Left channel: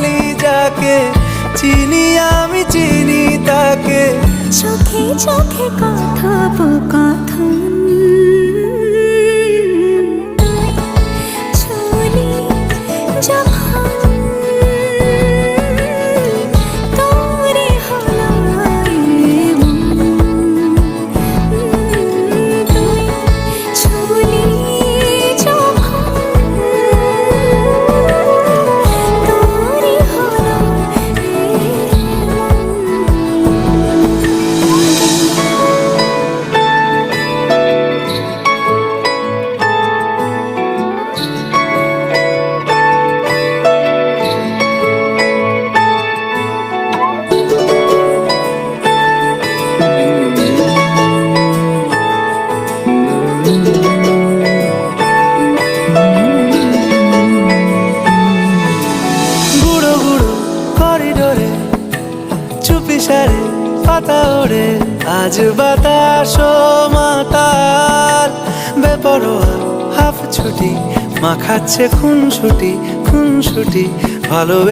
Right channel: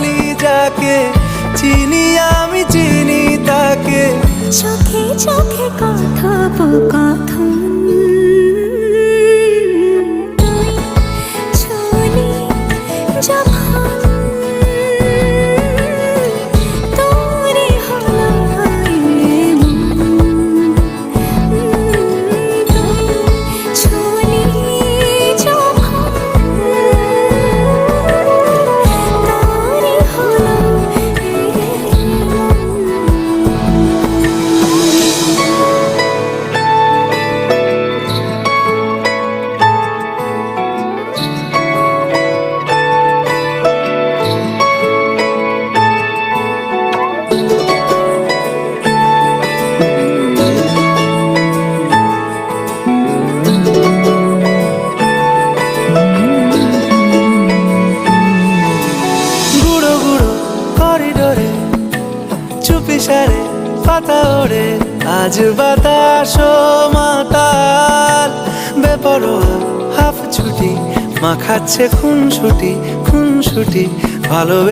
বলি যাকে, চিনি আমি চিনি তাকে। চোখে চোখে কথোপকথন, তুই ছুলি যখন তোরে হলো এমন, তুই ছুলি যখন তোরে হলো এমন। গুঁড়ো গুঁড়ো করিডোরে চুপি সারে পাতা ওড়ে, আজ বাতাস মাতাল বেপরোয়া হাফ ছুটি, মাখাচ্ছে খুনসুটি খুনসুটি ভালো।